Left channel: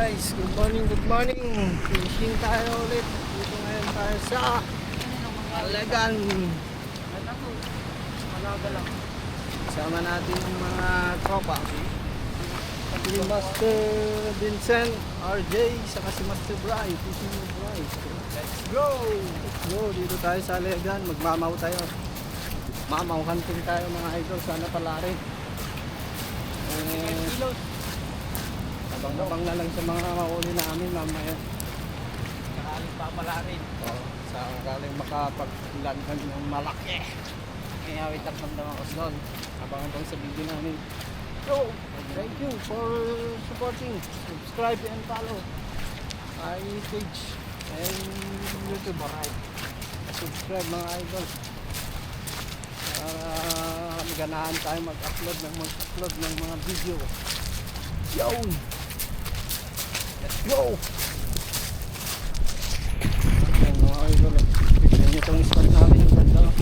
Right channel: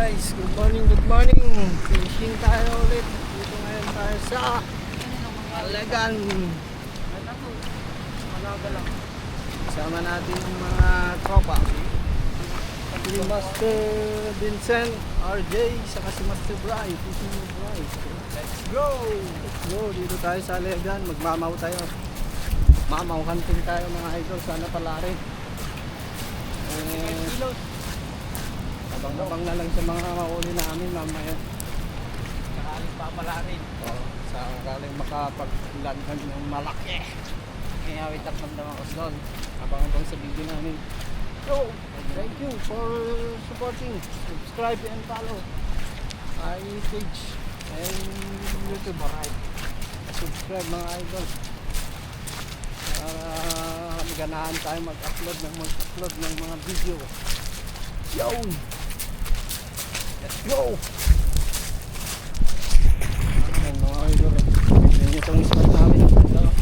guys, good morning, good morning. Fishing tayo ulit. Dito ngayon tayo sa Alagan. Kasama natin yung mga tropa. Si Master Vincent, RJ, saka si Master Bry. Fishing with Bry. Let's go! Let's go! Dito tayo sa Alagan. Magmamaw tayo. Mamaw hunting tayo mga idol. Sana pala rin. Abang-abang na lang sa mga mahuli namin mamaya. Sakaling papala rin. Sakaling makapaglangan ng malaki. Kaya wait up ng mga doon. Abang-abang sa video namin. So, thank you for supporting. Subscribe and follow my page and YouTube. Subscribe mga idol. Para maganahan tayo mag-upload ng mga video. Yun! Let's go! Ayan mga idol. Ayan itong spot namin. Ang ganda.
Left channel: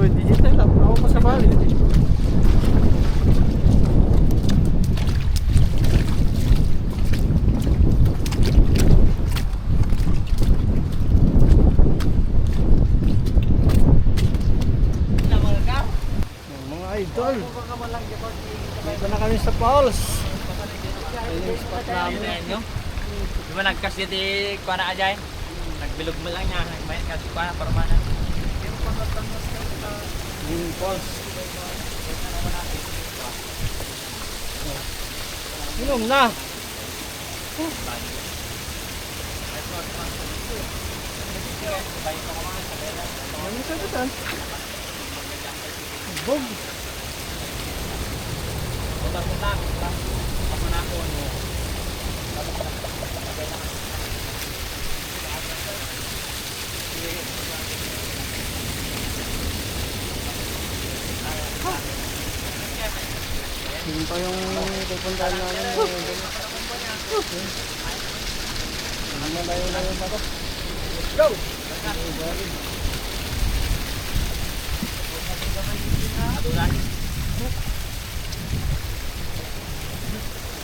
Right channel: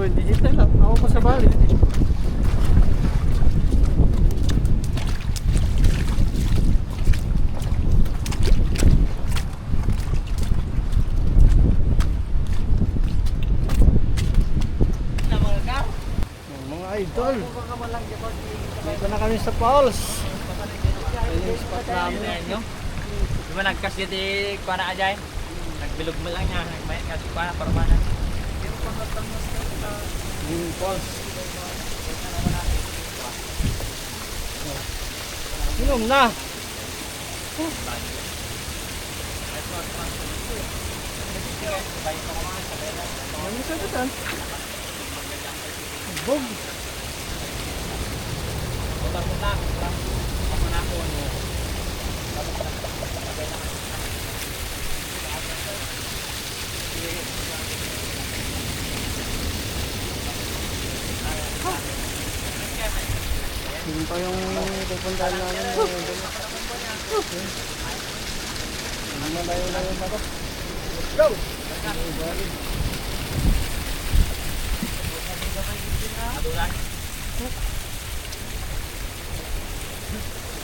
Digital lang, ako pa sa bali. Mga idol, dito na kami sa falls. Ayan yung spot namin. Di ba nagkas di kuha na ajay? Nagbilog mo lang niya. Nagmayat kasi kuha na para mana. Yung falls. Inom na. Ano sa butan? Bog. Putak-putak. Ako na ako. Yun pa yung pupuntahan namin. Malayo na yun ako. Let's go!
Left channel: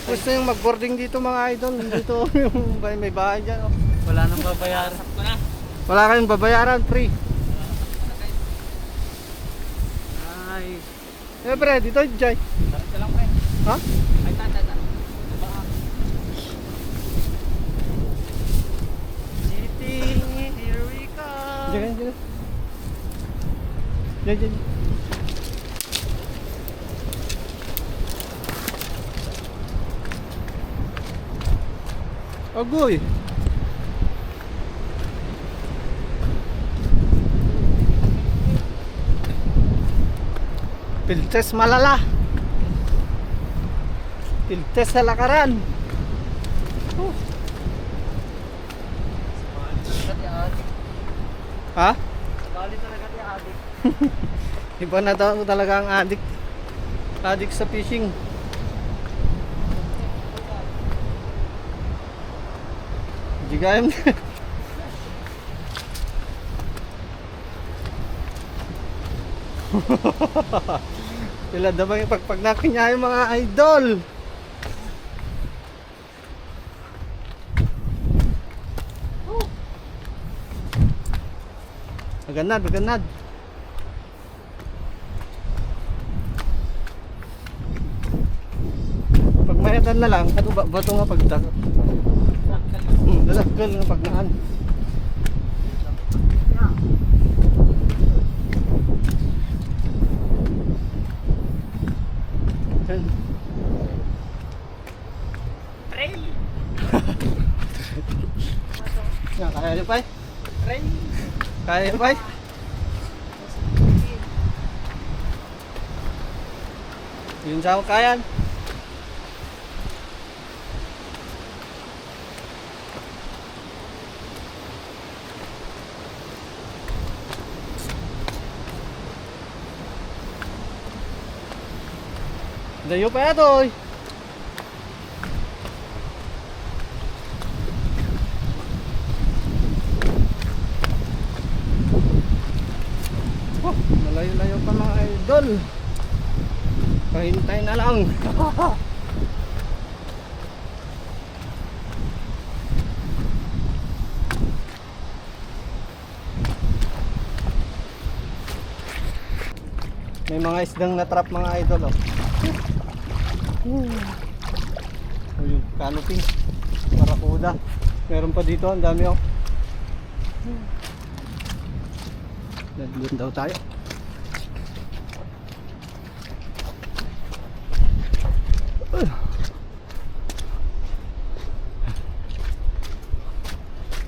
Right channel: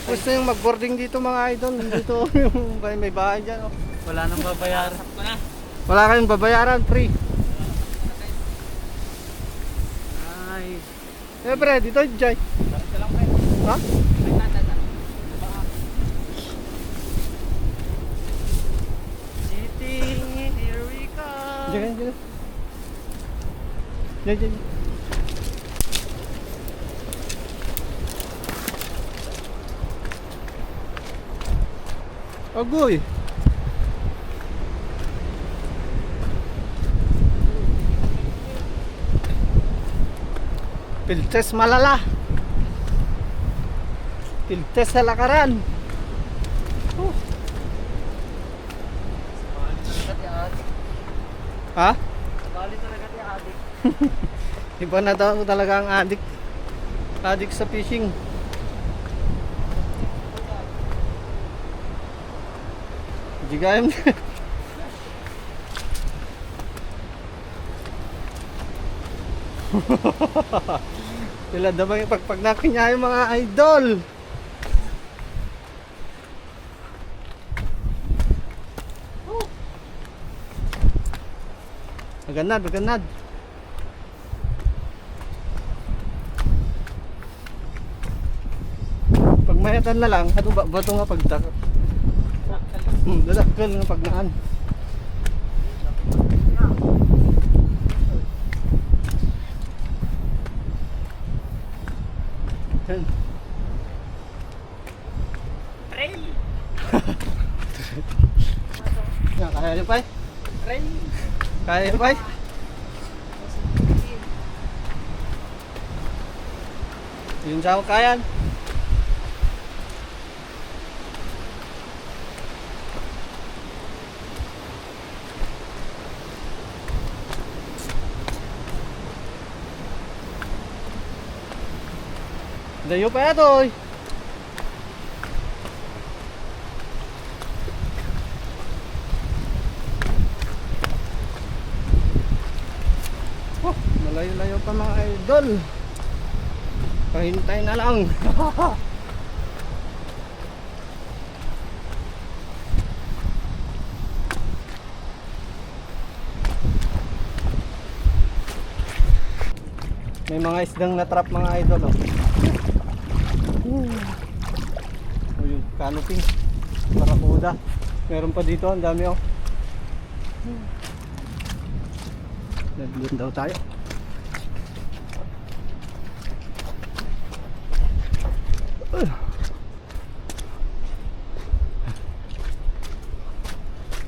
Gusto yung mag-boarding dito mga idol. Dito yung may bahay dyan. Oh. Wala nang babayaran. Wala kayong babayaran, free. Ay. Siyempre, dito Jai. Ito lang, pre. Ha? Ay, tata. City, here we come. Diyan, diyan. Diyan, diyan. Agoy. Piltes malala. Piltes sa lakaran. Ha? Bali talaga di adik. Iba na daw talaga ang adik. Adik sa fishing. Jigayam na. Sila damang ipagpag nakin niya yung mga idol. Maganad, maganad. Pag mayatan na lang, ano ba bato nga pagdak? Lalakgal ng pagnaan. Trail. Yan, kaya niyo pa eh? Trail. Kaya niyo pa eh? Yun sa kayan. Layo pa yato eh. Oh, malayo-layo pa mga idol. Pahintay na lang. May mga isdang na-trap mga idol oh. Oh, yung canopy. Marakuda. Meron pa dito, ang dami oh. Nandun daw tayo.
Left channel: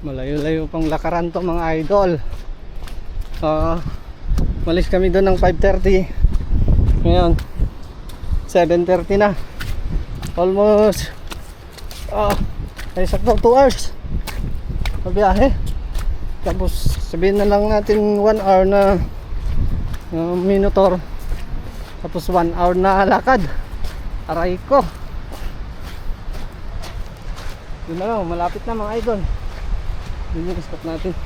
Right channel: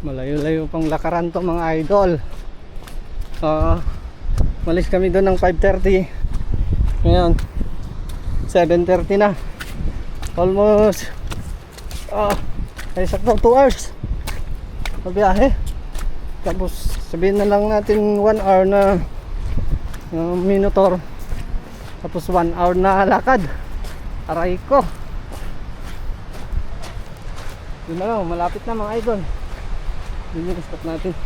Malayo-layo pang lakaran to mga idol. Malis kami doon ng 5:30. Ngayon 7:30 na. Almost ay sakto 2 hours na biyahe. Tapos sabihin na lang natin 1 hour na minotor. Tapos 1 hour na lakad. Aray ko. Yun na lang, malapit na mga idol. Yun yung spot natin.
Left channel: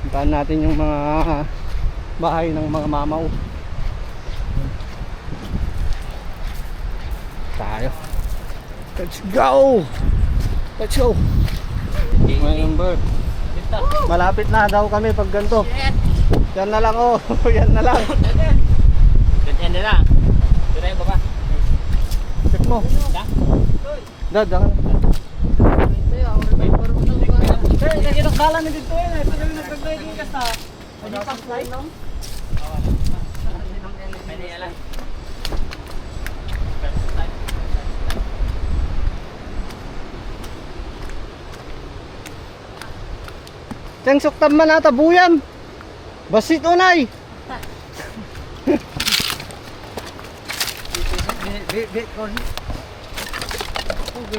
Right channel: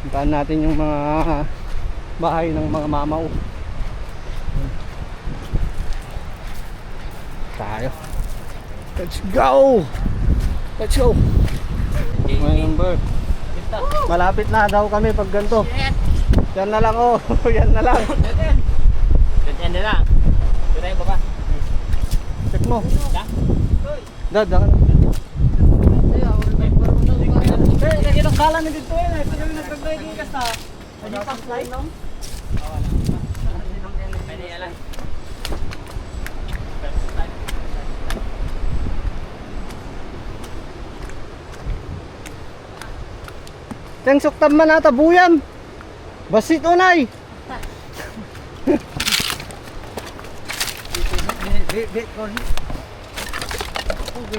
Puntahan natin yung mga bahay ng mga mamaw. Tayo. Let's go! Let's go! My number. Malapit na daw kami pag ganito. Yan na lang oh. Yan na lang. Yan na lang. Turay ba ba? Check mo. Da? Dad, lagi ng kala na dito eh. Ito yung nagpagdaya din ka sa hindi pa slide no? Pwede yan. Teng suktam man ata buyam. Basit unay. Bit kon.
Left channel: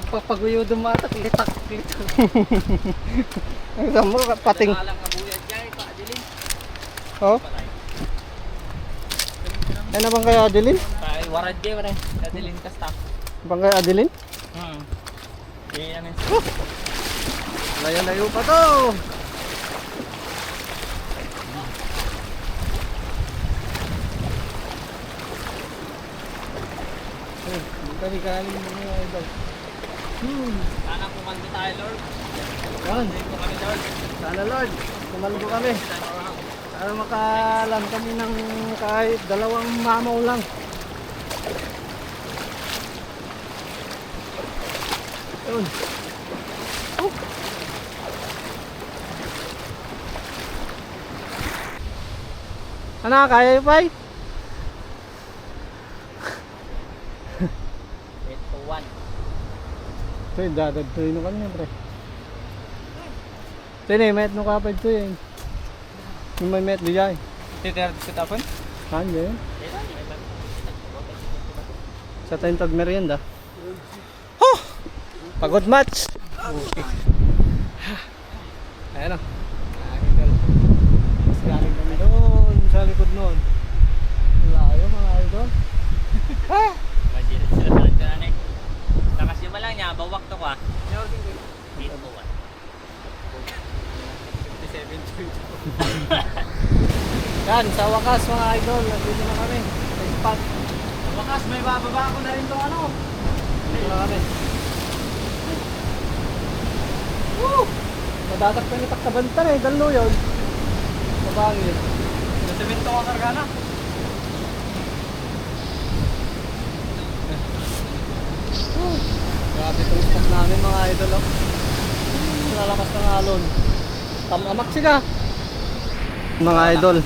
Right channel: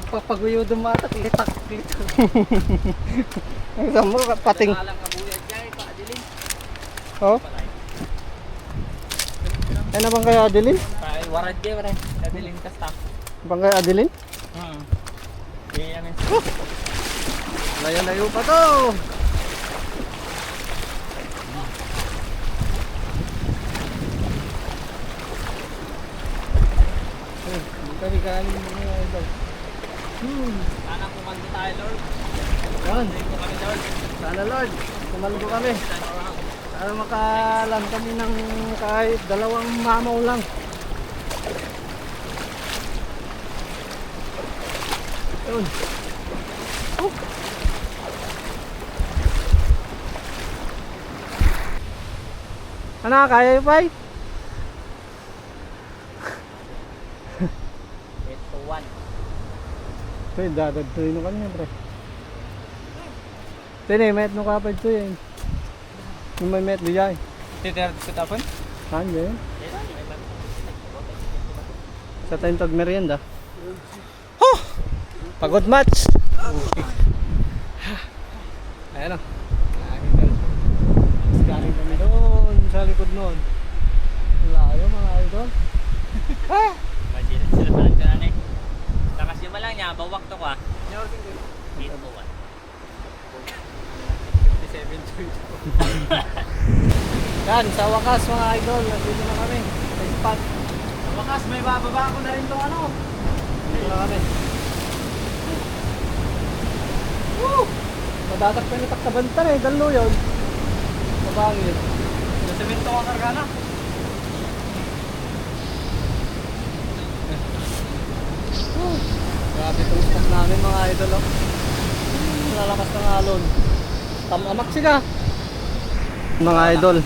Papaguyo dumata litak dito. Ang samo pating. Oh. Ano bang kaya Adeline? Ay warad kay wala. Adilin ka staff. Bang kaya Adeline? Yan yan. Layo-layo pa to. Kami galing mga idol. Sana kumaldo tayo Lord. Yan. Kumaldo kami Lord. Sana Lord, kumaldo kami. Sana makalam kami ng kahit 2 mamaw lang. Yun. Ano, kaya yung pay? 8-1. Ito yung dadad to yun kanya pre. Ito yun eh, met no kapag to yun. Yung may met di jay. Titira sa tapon? Saan yun? Sa tayong tag merienda. Oh! Pagod match! Okay. Ayan o. Mas galing kami doon sa likod noon. Layo mga idol. Ah! Masira sila sa nagkanan eh. Takas yung malang niya, bawak to ko ah. 8-1. 57 Yan, sa wakas mga idol, nandito na kami sa spot. Sa wakas, may bababa ko na rin itong ano. Nandito na kami. Woo! Madadak pa nitak sa bantan eh, dalo yun. Mabangit. Nasabihin ito ka kargana. Grabe itong spot namin mga idol oh. Lalakas ng alon. Tamamak sila. Mga idol,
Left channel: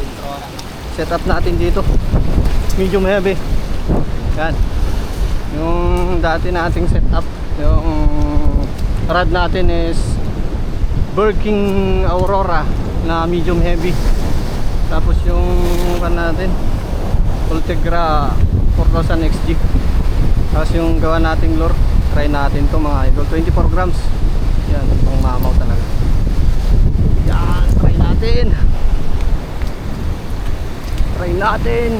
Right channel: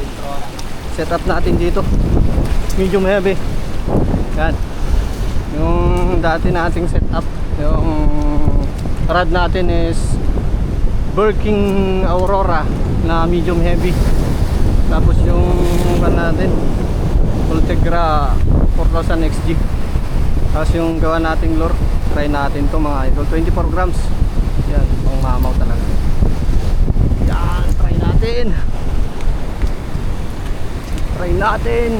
set up natin dito. Medium heavy. Yan. Yung dati nating set up, yung rod natin is Birking Aurora na medium heavy. Tapos yung kan natin Ultegra 4000 XG. Tapos yung gawa nating lure, try natin to mga idol, 24 grams. Yan, pang mamaw talaga. Yan, try natin. Try natin.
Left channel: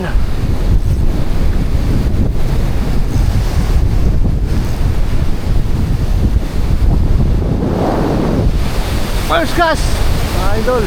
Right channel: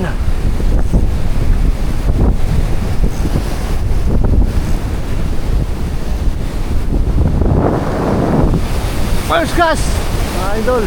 First cast, mga idol.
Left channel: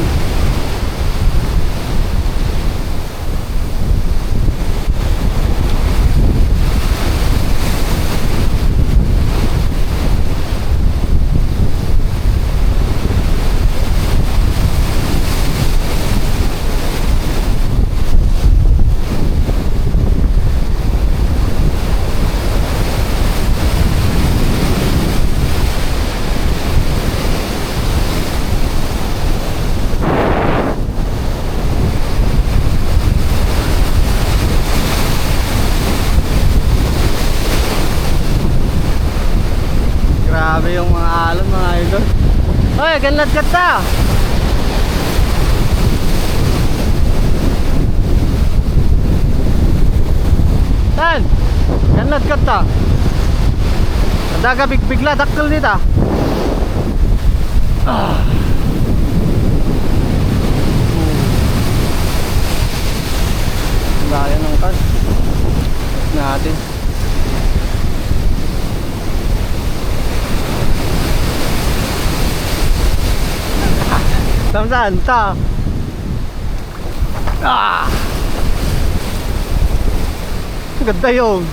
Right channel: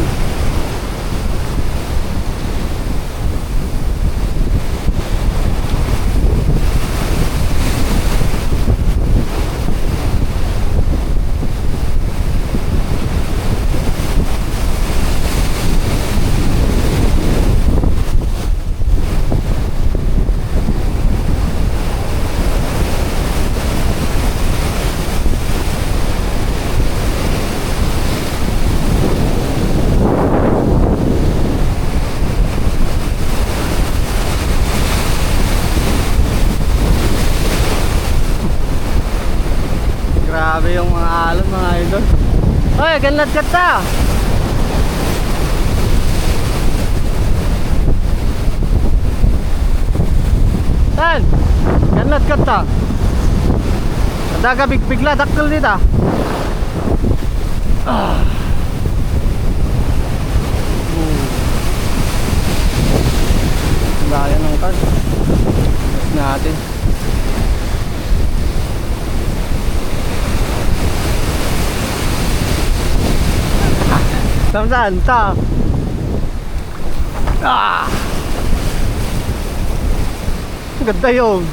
Grabe yung mga alon, mga idol. Oy, ganlad ka ta. Tan, ganlad ka ta. Daga bigla dakkel dito. Ah. Gaya ng kan. Tapos natin. Saan ta? Ah! Ganda yun.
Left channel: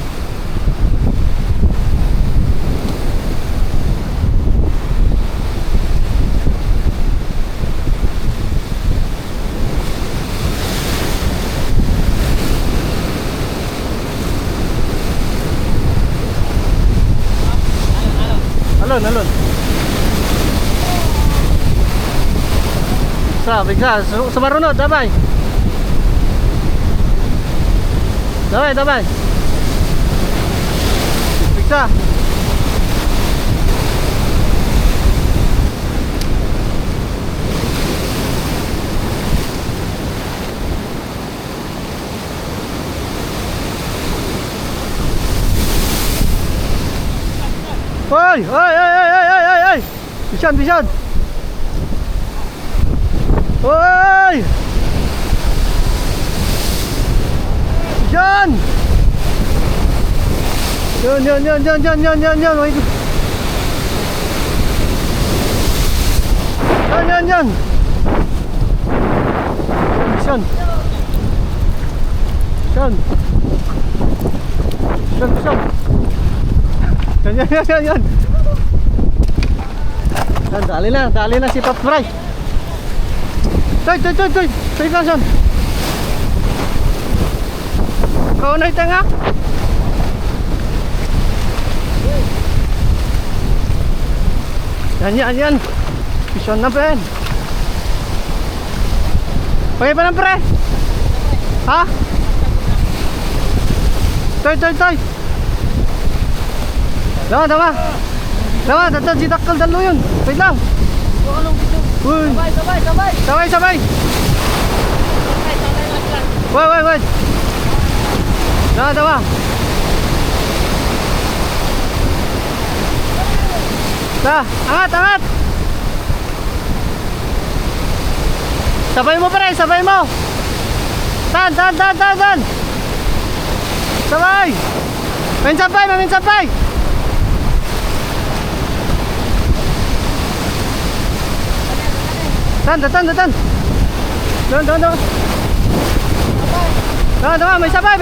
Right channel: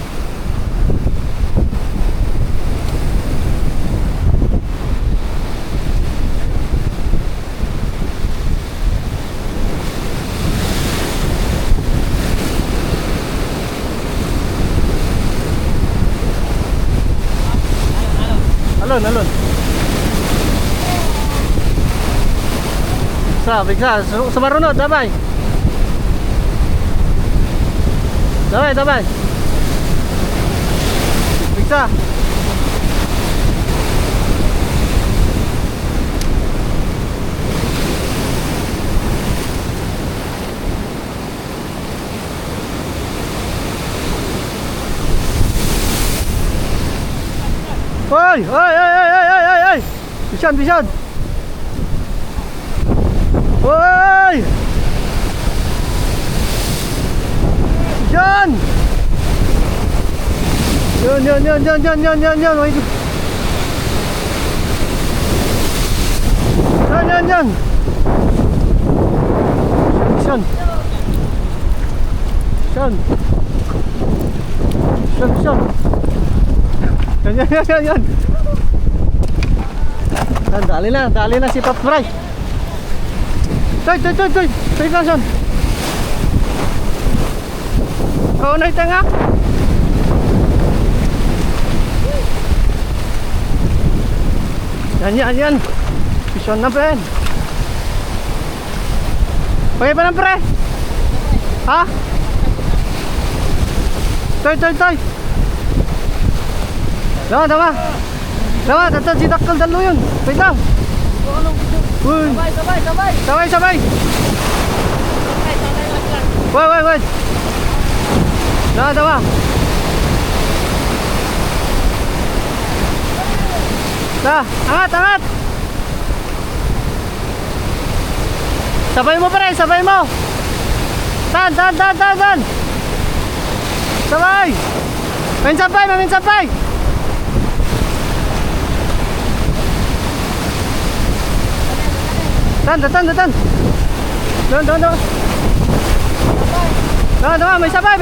Alon. Bigsa, sumarunod, dabay. Bigsa. Oy! Bisan. Oy! Yan! Yan! Wait. Yan! Bisan. Yan. Dali na si Top Fry. Toy. Toy kason. Kau naik tengah. Yan. Pison na pen. Pakai pa ng pre? Ha? Toy. Tama, tatad si Dakkel dalo yun. Wait lang. Uy. Sabay. Wait. Tama. Angat. Sabay mo pre, sabay mo. Tan. Sabay. Main sampai. Tan. Doon, may sabay.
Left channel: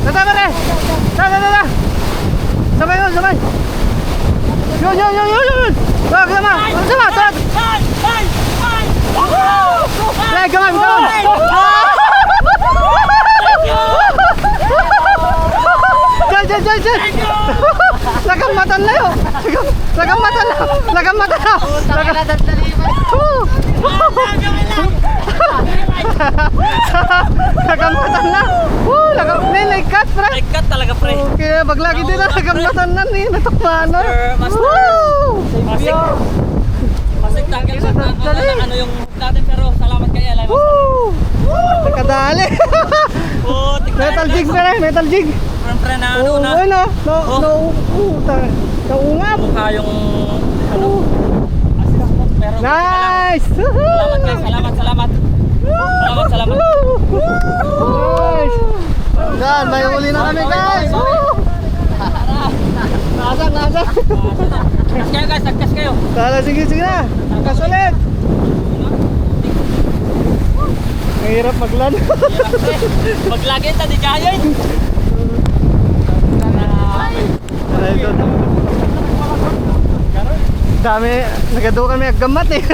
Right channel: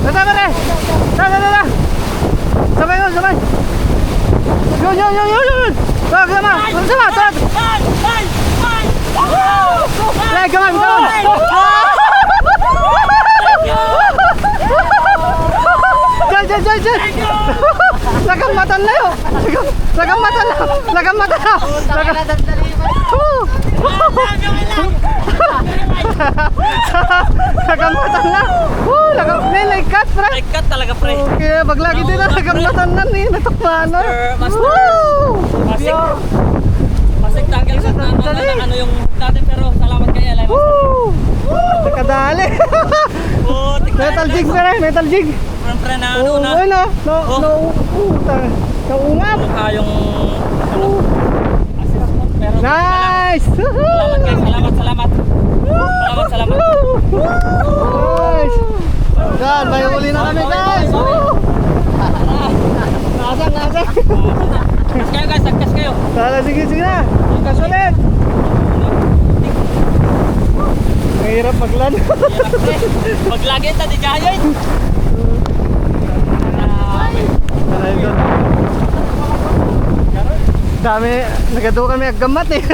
Tata pare. Tata. Sabay. Yun. Sama. Come on. Jai. Lagang mata na. Lagamatan na. Nilaikat pre. Ikat talaga pre. Okay, baglagi din na lagamatan na ni natukmana. Masik tanggal sa ano yung natin pero salamat kay Ella. Kadali. Metal jig. Pre na ano na. Naungap. Mukha yung ano. Nice. Salamat. Nice. Dan, may uli na kami guys. Nasang, nasang. Kas kayo guys, nagkas kayo. Tala, sige, sige na. Kas ulit. Mahirap maglan. Maglagi ta di giant. Tala, idol. Dami, nagado kami aggamat eh.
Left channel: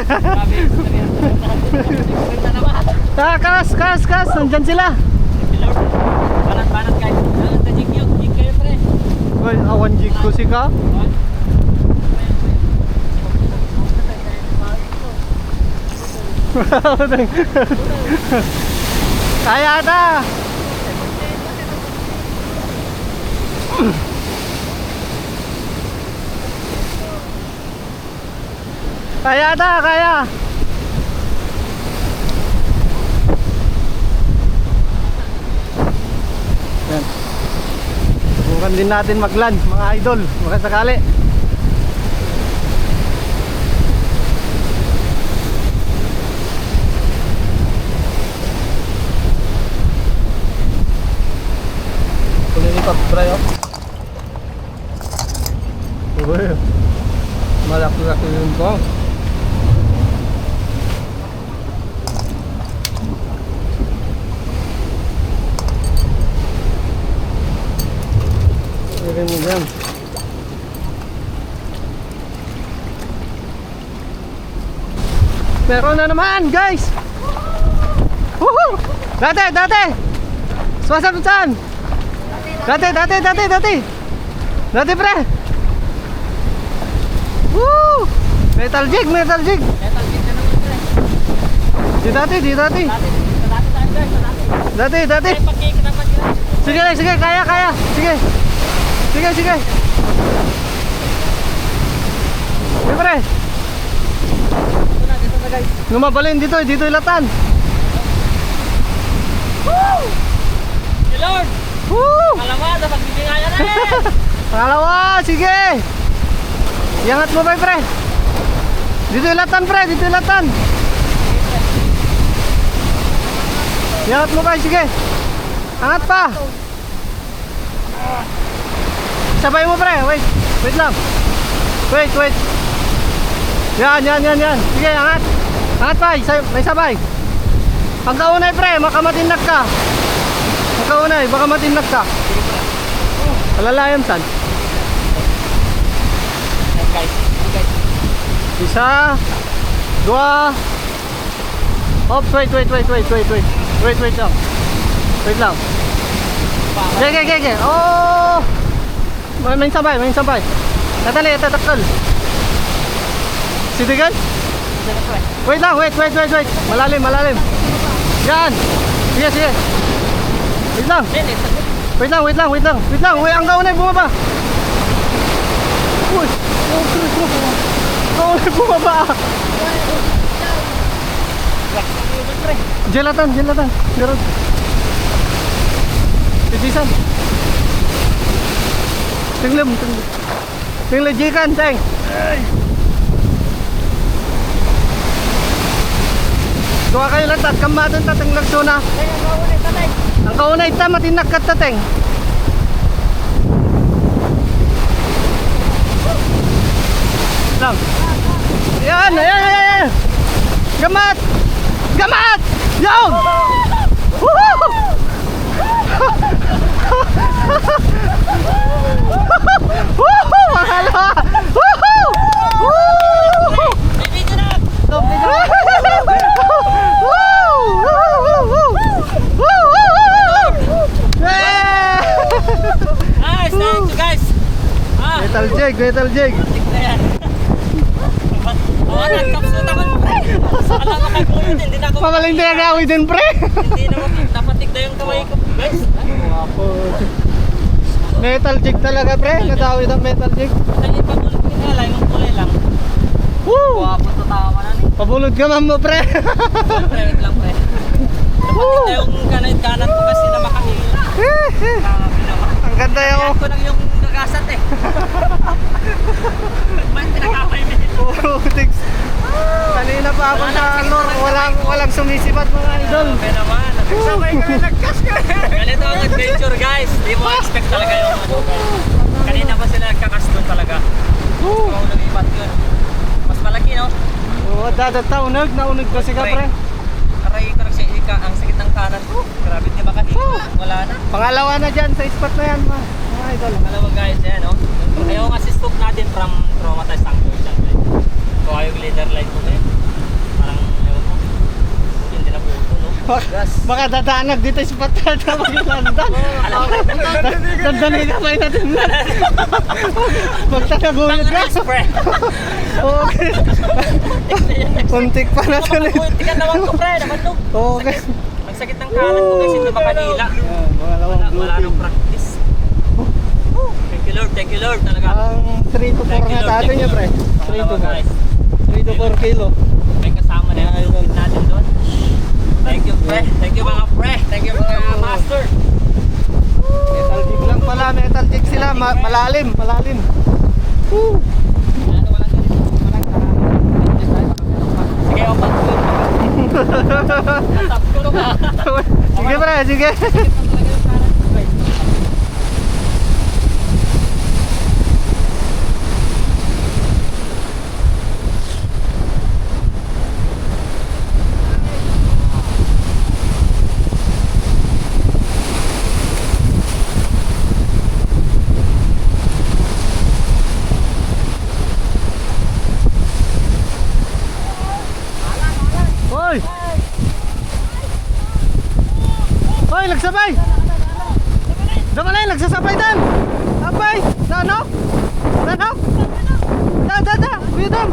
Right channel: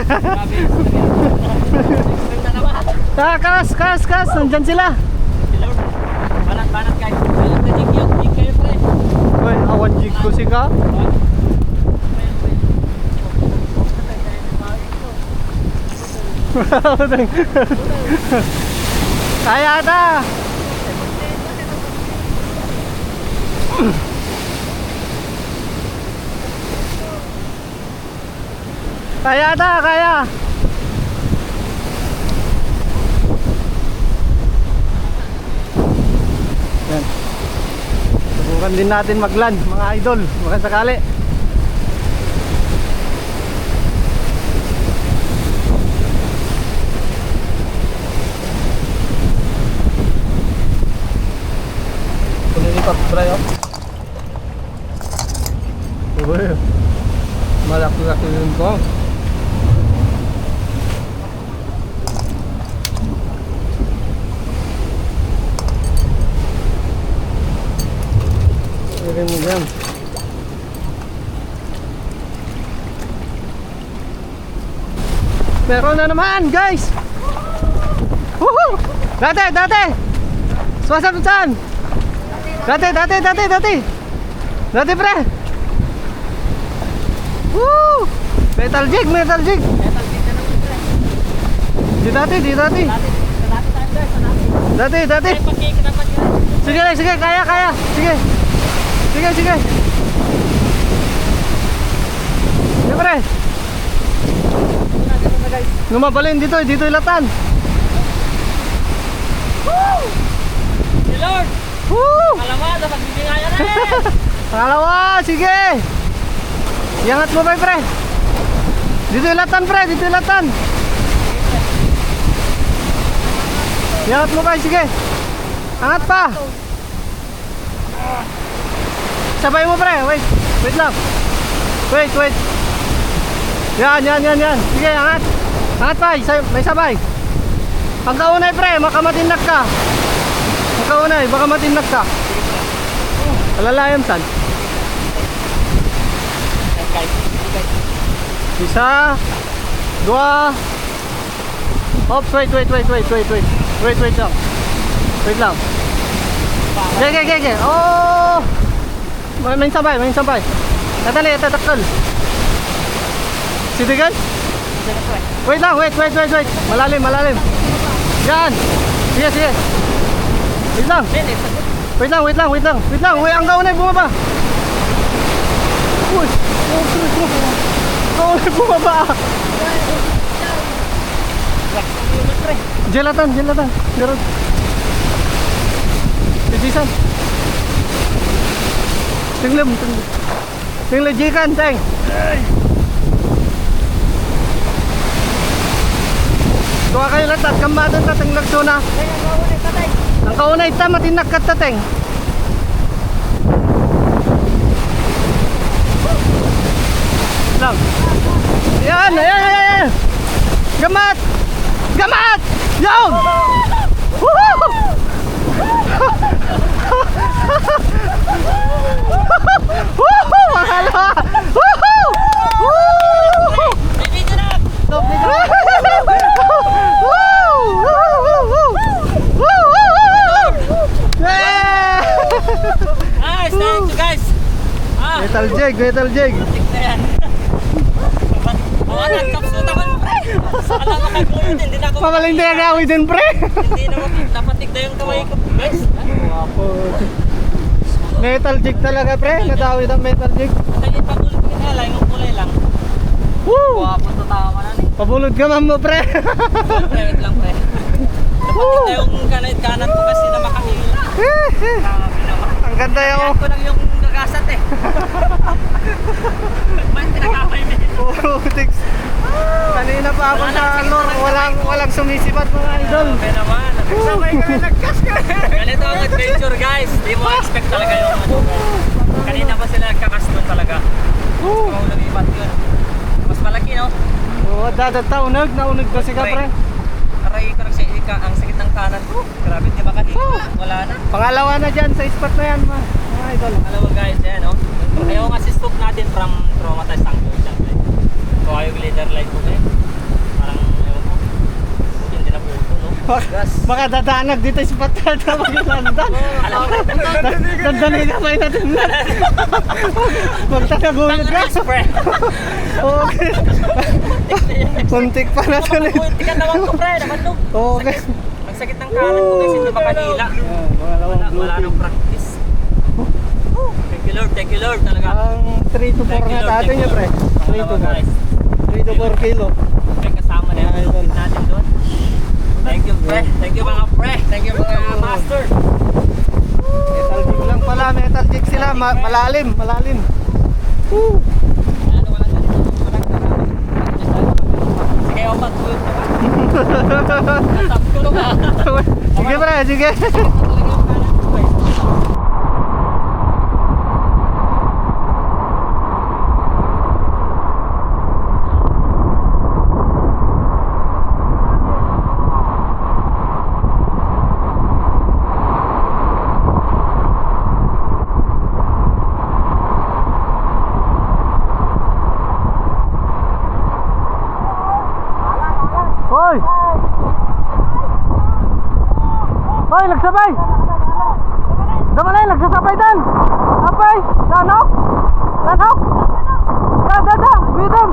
Kas, kas, kas. Nandyan sila. Banat guys. Dalam ka jig kayo pre. Uy, awan jig ko si ka. Kaya ata. Kaya ata, kaya. Yan. Subukan din natin maglan, mga idol, baka sakali. Kunin ito, try oh. Uy, malaki-laki yun ko. Irin mo yan. Meron na naman guys. Woohoo! Dati! Sumasagot saan? Dati pre! Woo! Metal jig! Metal jig na naman pre. Di dati. Dati. Ay pagkik dapat yun. Sige, kaya. Sige. Sige pre. Dito na guys. Lumabalin dito ilatan. Woo! Hey Lord! Woo! Alamada, pagbibingayan na eh! Pangalawa, sige. Iangat mo pre. Dito ilatan pre, Iangat mo sige. Angat pa. Sabay mo pre, wait lang. Wait. Yan. Sige, angat. Angat pa, may sabay. Pagkaunay pre, makamatinag ka. Baka matinag ka. Alalayam san? Guys. Isa, dua. Oops, wait lang. Wait lang. Okay. Oh! May sabay. Tatali, tatakal. Sitigan? Wait lang, wait. Malalim. Yan. Sige. Wait lang. Wait lang. Ang kaunay bumaba. Uy. Kaunay bumaba. Jelatan. Garot. Pijisan. Tinglam jikan, Teng. Dua kayo latat, kamadon tateng lagsuna. Ang kaunay ta, matinak ka tateng. Lang. Yan. Gamat! Yaw! Woohoo! Woohoo! Mahalo! Woohoo! Woohoo! Nice, thank you guys. Metal jig. Nagkapsuta ko pre. Alam mo kagulo din, hindi na ako. Pamaling din agawi din pre. Hindi naman napatig na yung kamay ko, guys. Metal jig talaga pre, nadawid ang metal jig. Kaya pagulot ko na lang, yung kulay lang. Woo! Wapo to tama na ni. Pabulod ka man mo pre. Wait lang pre. Napatig na yung kanan ko kasi na makahila. Grabe naman. Ang ganda Kaya yung ko lang yung nagasat eh. Ba't pinakapay mo? Tix. Kanina pa ako sa lor, walang sumisipat mga idol. Grabe naman. Sabay kami nagkas ka. Ganito ang adventure guys. Di mo expect talaga yung ano guys. Kanina pa sila nagkakaston talaga. Woo! Kung lumipat yun. Mas malaki, no? Oo, dadata unog, naunog ba siya pre? Aray ko ang sakit ng kanan ko. Grabe, di makahinga. Wala na. Pangalawa na dyan sa spot na yan mga idol. Alam mo guys, yan, no? Ayaw nga si stock natin from traumatized tanker. So ayaw leader light ko eh. Parang, ayaw ko. Hindi na po ito, no? Gas. Baka dadaanag dito sa spot na ito maglandan. Alam mo, Dandanin ka pa natin na. Magtagaguyod ka. Okay. Puntik pa na ito. Puntikan naman ko, pre. Naman no. Okay. Magsakit ng kanan ko kasi hindi makanila. Yan, pangalawang Wala nang grouping. practice. Thank you Lord talaga. Ang 3 to 4 Thank you, na Lord. tatin niya pre. 3 to 4. 3 to 4 kilo. May kasama na yung lupit natin doon. Thank you, pre. Thank you mga pre. Thank you mga master. Metal jig lang pala, metal jig sila. Malalim. Woo! Ano walang ganito? Walang karama. Sige, opat ko yun. Natap ko nung Sige pre, sige. talaga yung kanan ko, guys. Hoy! Hoy, nagsabay! Damalay, nagsasabay dan! Apay! Nanok! Nanok! Da! Bidon!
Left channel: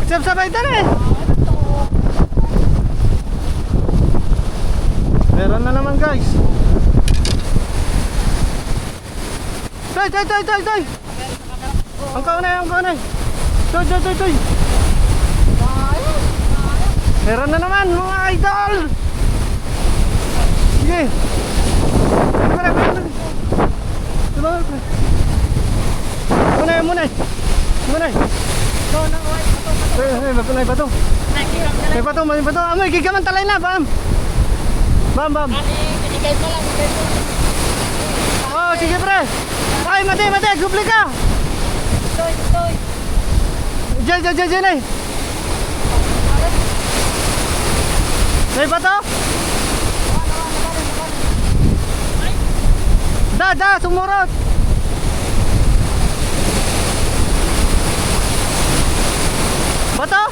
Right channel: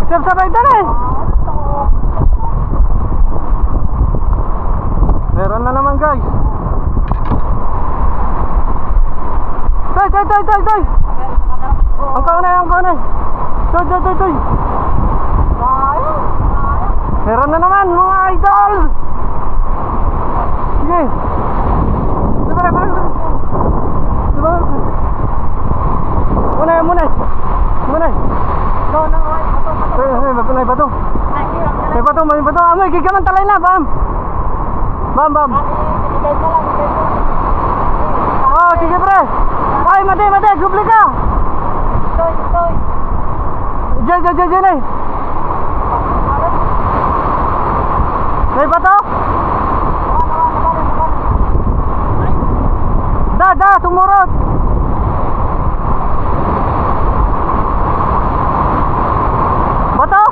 Nagsasabay dan eh! Meron na naman guys! Toy! Ang kaunay! Toy! Meron na naman mga idol. Sige. Munay. May bato. May bato. Amoy, gigaman talay na, bam. Bam. Oh, sige pre. Ay, mati, gubli ka. Diyan eh. May bato? Da, sumurot. Bato?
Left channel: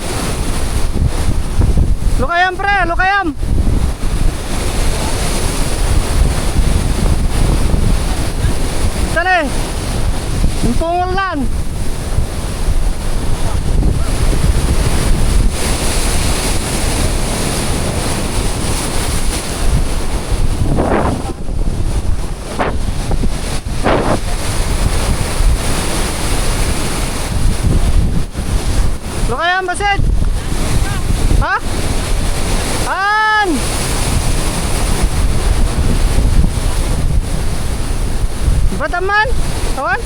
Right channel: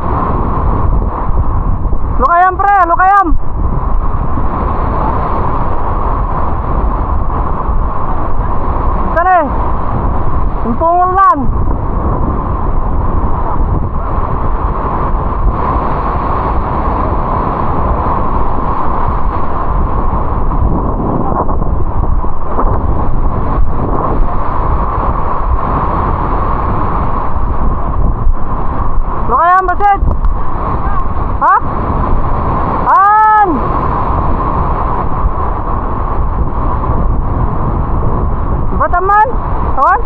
Lukayam pre, lukayam. Saan eh? Yung pungulan. Lukayam basit. Ha? An! Bataman? Kawan?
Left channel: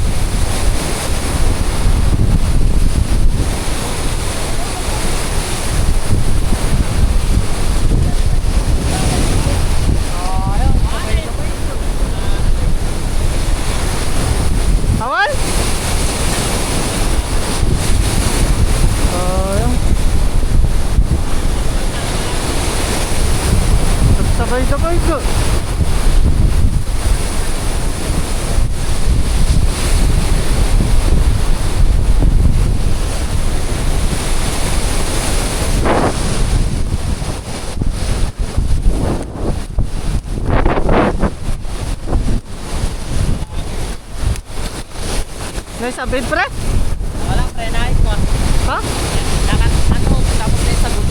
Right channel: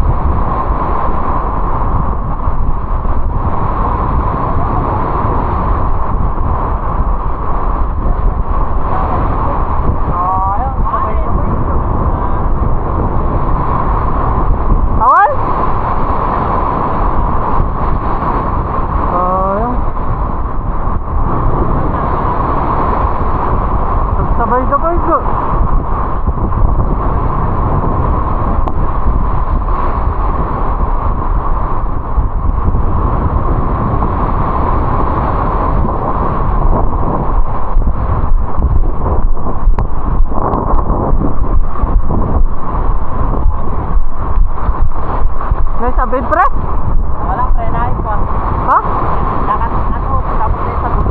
Kawan? Sabay ko. May sabid pre? Wala, pre, nahit ko. Ha? Nakakot, tapos may sabon.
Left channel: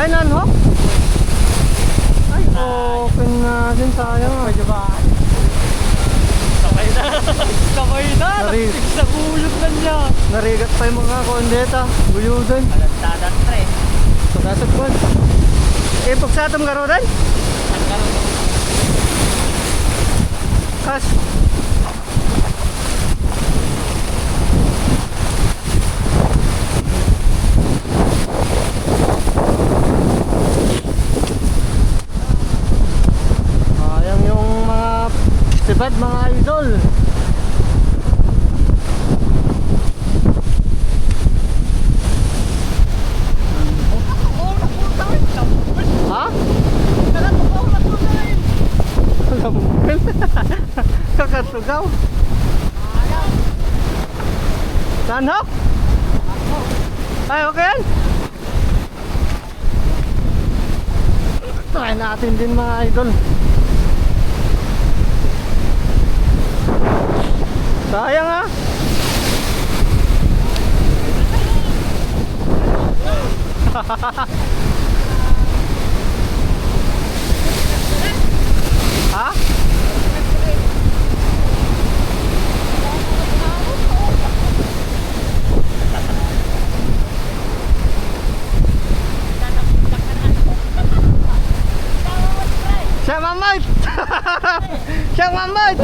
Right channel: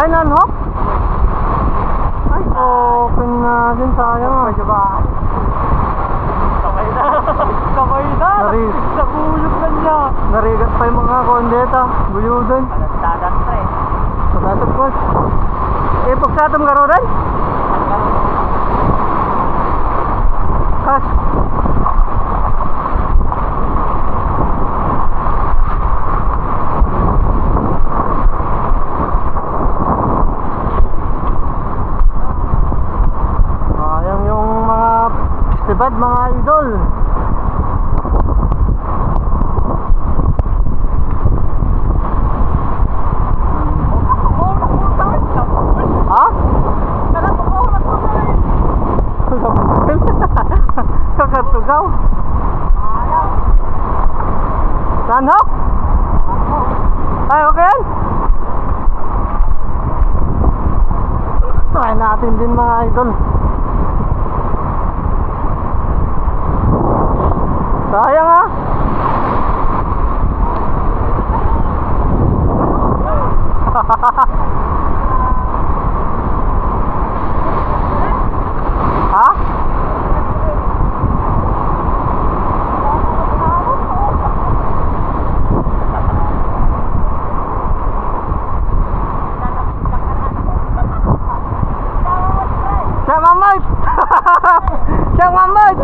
Ay, nanhok? Ay, open na din tayo. Pwede ba? Sabay na. Sa buyot na niya. Narigat pa yung mga kondeta. Buyudan. Dadan, pre. Sa tasap ko. Eh, pagsatom ka rin? Kas. Ayan yung mga sibad mga idol. Sugaw. Sanhok? Ay, okay yan. Try natin din mga idol. Sayang ah. Ha? Siya mamad. Siya mamad.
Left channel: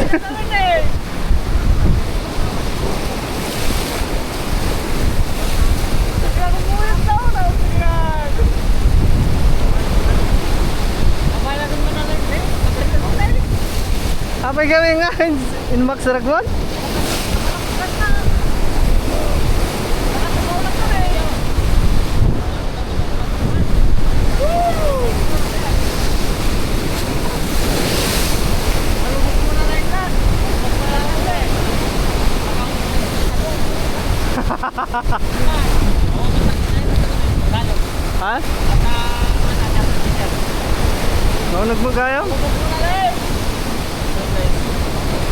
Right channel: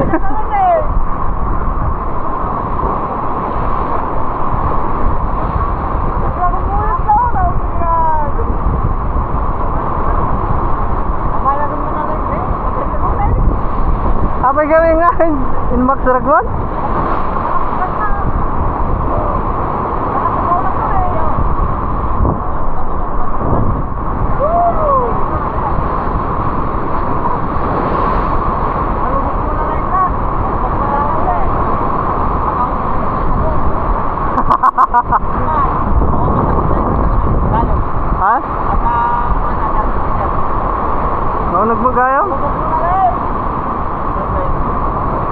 Apa gawin nga in Max Ragwan? Ha? Mau nagmagayaw?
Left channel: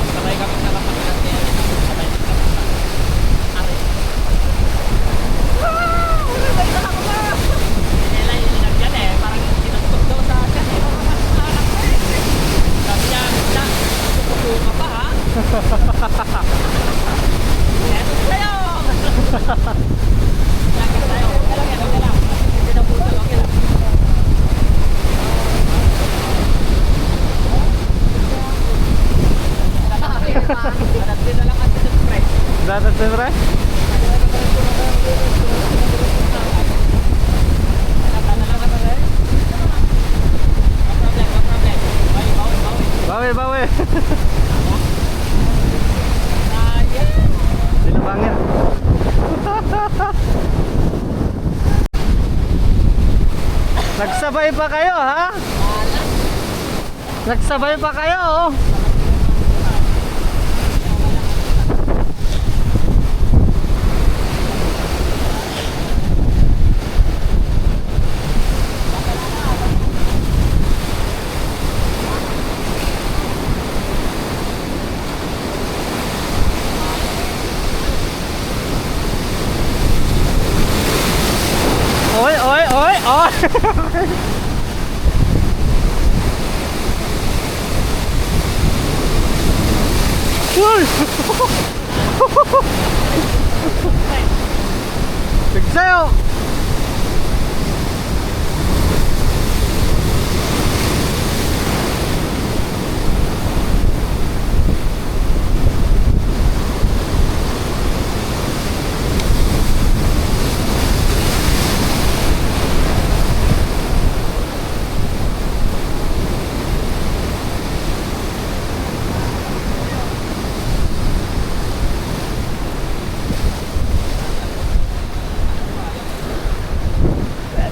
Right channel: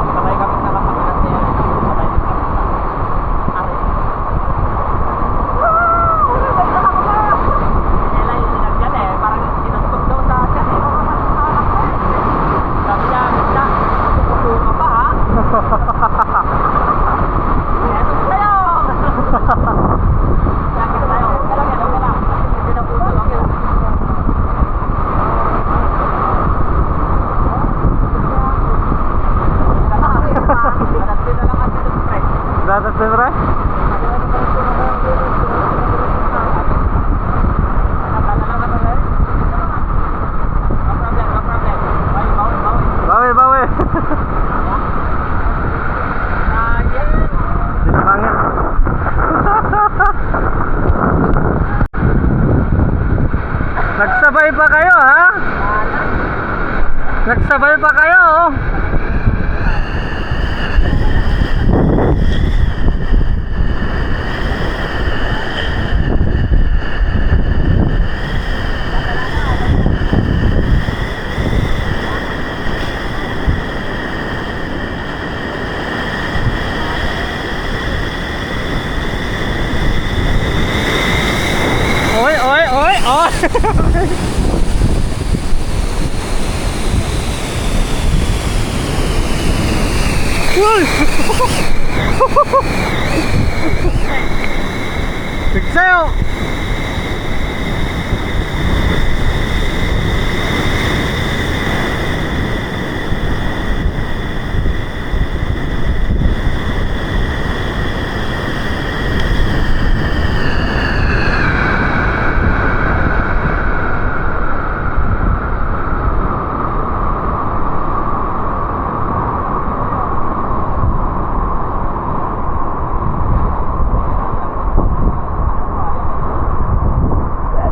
Sabay kami sa kapatid niya. Sabay din kami sa ari. Nila yung sinagyan eh. Parang tinagpag daw sa akin eh. Sabi niya, "Misa, pupupo ka pa ha?" Eto sa'yo! Yakin tayo. Okay lang yan, okay lang. Hindi na putol, okay lang. Dapat na lang atin ng price. Dapat na ba? Bawi, bawi. Silipangin. Nagsabay pa kayo ha? Nagsabay pa kayo oh. Ôi ôi ôi ôi. Ui. Đừng sao.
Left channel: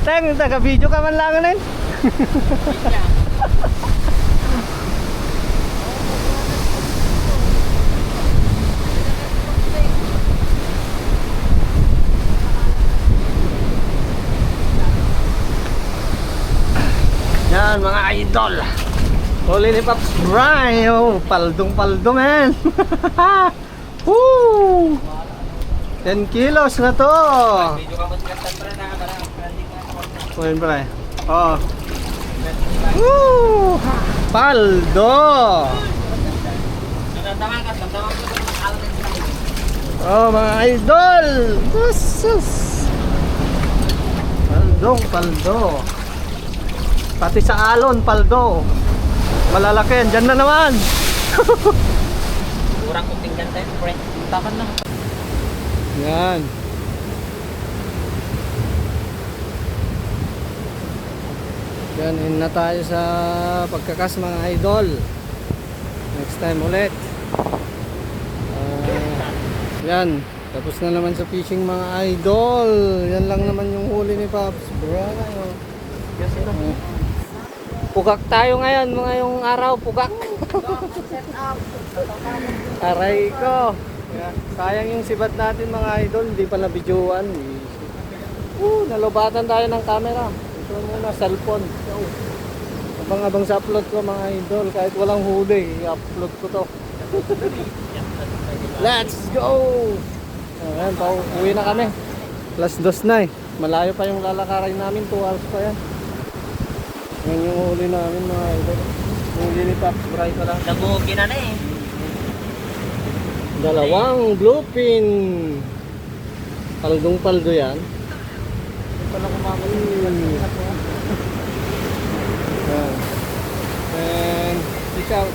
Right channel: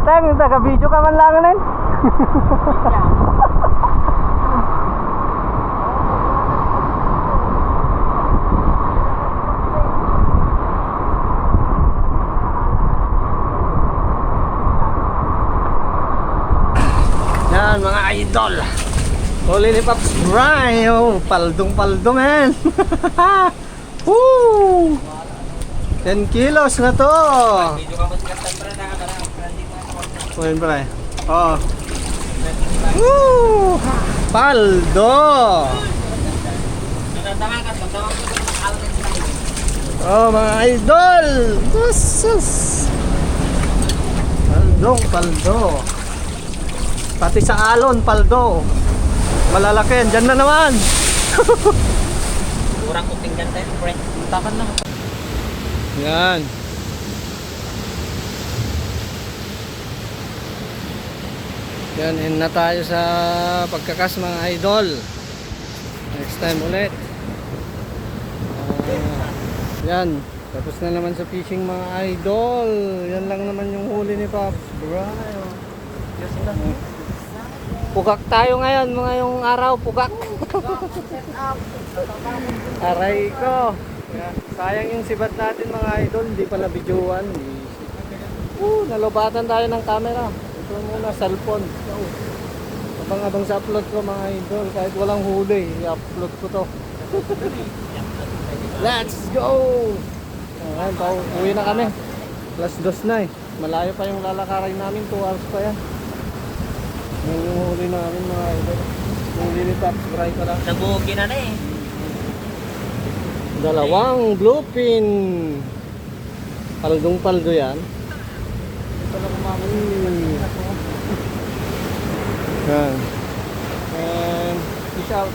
Teng, taga-video ka man lang nun. Yan mga idol. Huli ni Pops Bry. Oh, paldong-paldo man. Woo! 10 kilos na to. Video ka ba si Captain Pre na parang Kuhin pala eh. Oo. Woo! Paldo! Nandaman ka, nandaman ko sa alin sa akin. Oh mga idol! Sus! Paldong, paldo. Pati sa alon, paldo. Malalaki yan. Diyan na naman. Kurang kuting ganda yun, Pre. Takan lang. Yan. Yan, in na tayo sa pagkakas mga idol. Next time ulit. Yan, tapos na naman sa fishing mga idol. Yan lang naman yung huli ni Pops Bry. Pugak tayo ngayon, mga yung araw, pugak. Aray ko. Yeah. Sayang yung sibat natin mga idol, hindi pa nabidyoan. Nalobatan tayo ng camera. Ito muna, cellphone. Yo. Abang sa upload ko mga idol, kahit walang huli, i-upload ko to. Let's go! Ayan, uwi na kami. +2 na eh. Malayo pa yung lalakarin namin, 2 hours pa yan. Yan yung huli namin mga idol. Huli ni Pops Bry pa lang. Nagugi na eh. Dalawang bluefin. Paldong paldo yan. Yan. And fish out.